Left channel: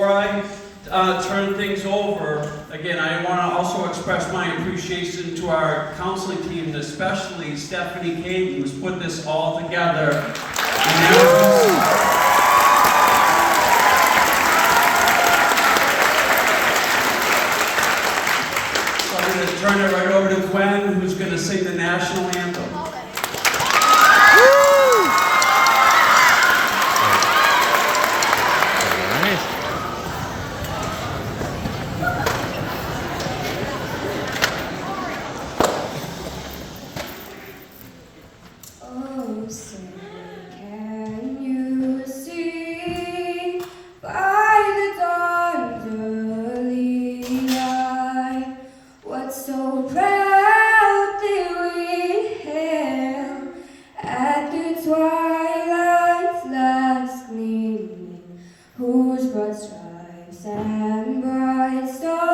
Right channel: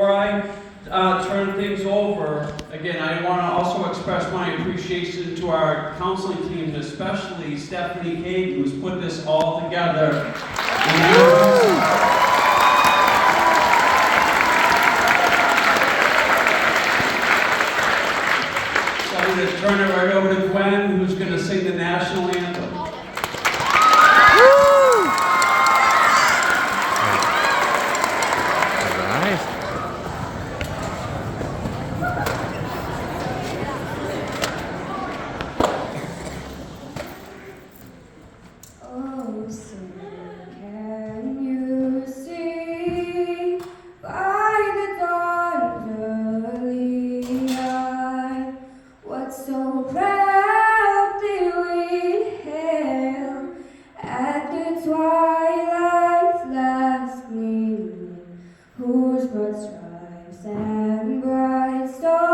Before I turn things over, again, I want to also express my appreciation to our counseling team, especially Stephanie Kane, who's put this all together. So I'm going to turn it right over to Gwen, who's going to sing the national anthem. Oh, say, can you see by the dawn's early light what so proudly we hailed at the twilight's last gleaming, whose broad stripes and bright stars